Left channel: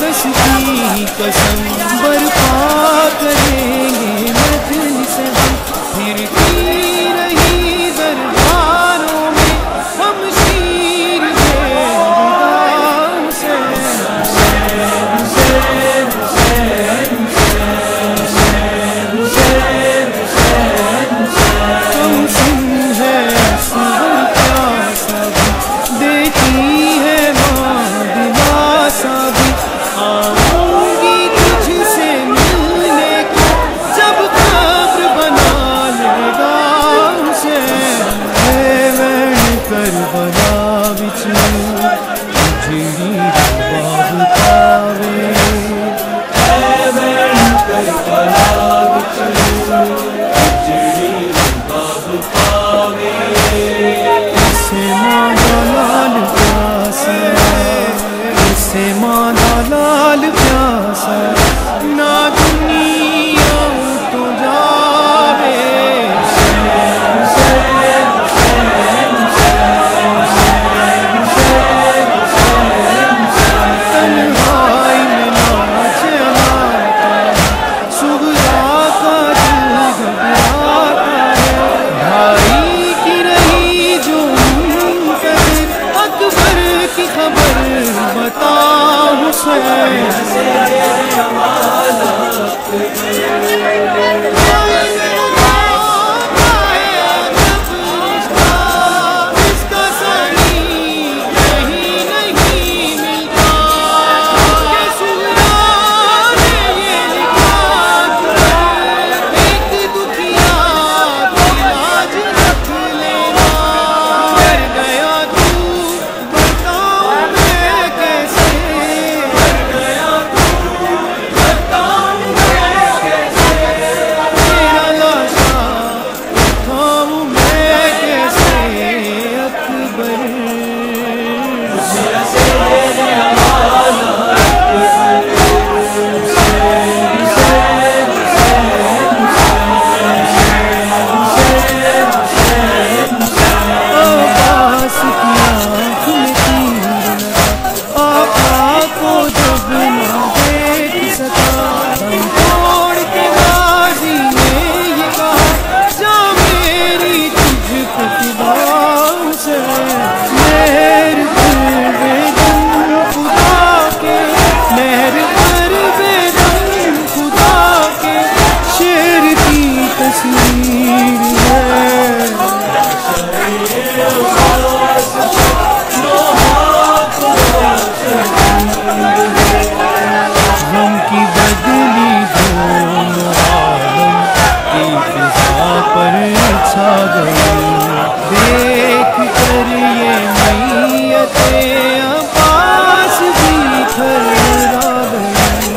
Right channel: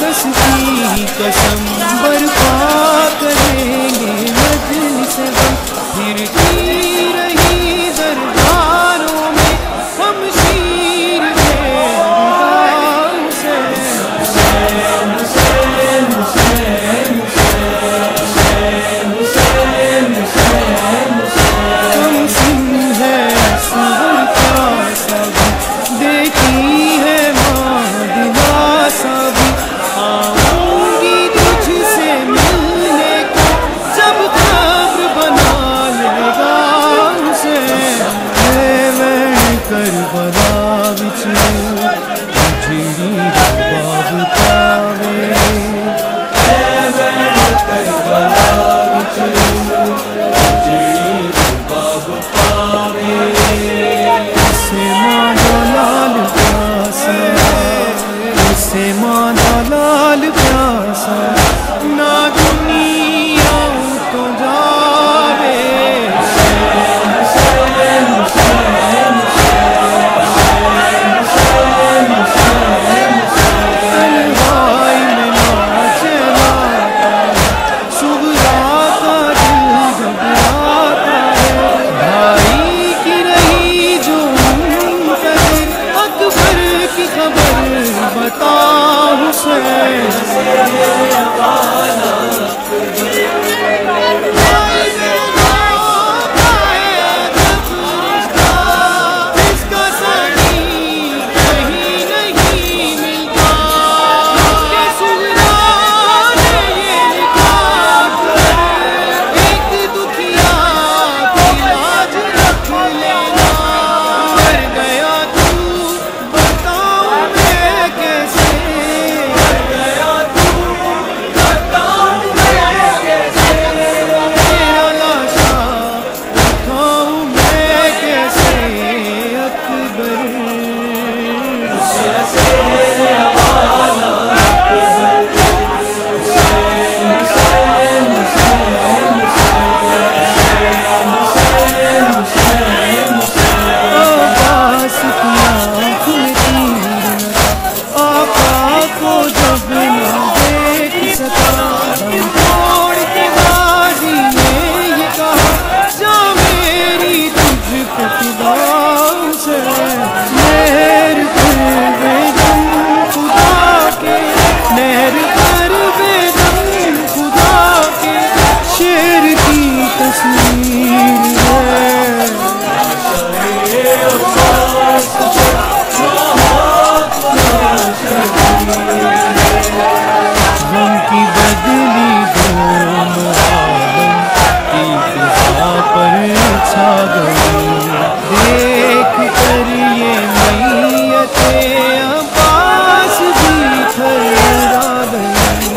دس کی قسم برپا کریں گے مجلس غم، پھرتی رہی درباروں میں ہم شیر کم سن ہے اصغر پیاسا بھی، دیکھی ہے ماں دلاسا بھی، آؤں گی تجھ سے ملنے کو جب قبر بنا لے گا حسین، وین کربلا وچ جڑی رباب پاوے، اسے ماں دا لال پیاسا، اسے ماں دا لال پیاسا، نہ دنیا تو جاوے، تنہائی میں ناچے ماتا، سغرا کا دل گھبراتا ہے، بھائی کی رہی جو منتظر، اکبر کی خبر بتا حسین، غم کی بدلی دونوں عالم کی فضا پر چھا گئی، دیکھ کر یہ میت عباس بھی تھرا گئی،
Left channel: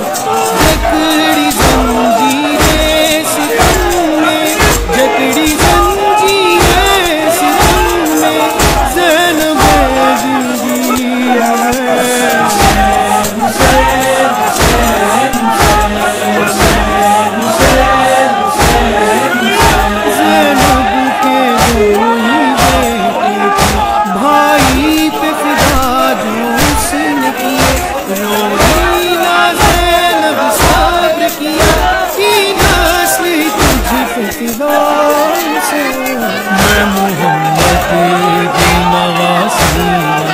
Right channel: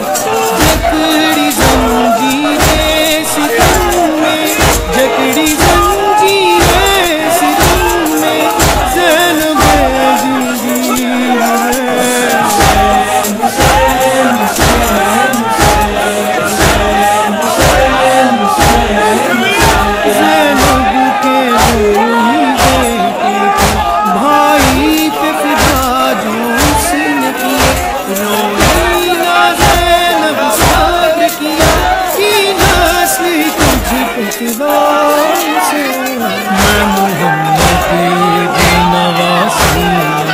جکڑی زنجیریں ستم میں، جکڑی زنجیریں ستم میں، زینب زندگی ہے، روئی نہ زینب صبر کیا کی نسل تجھ پہ فدا سے، میں محمد کی نواسی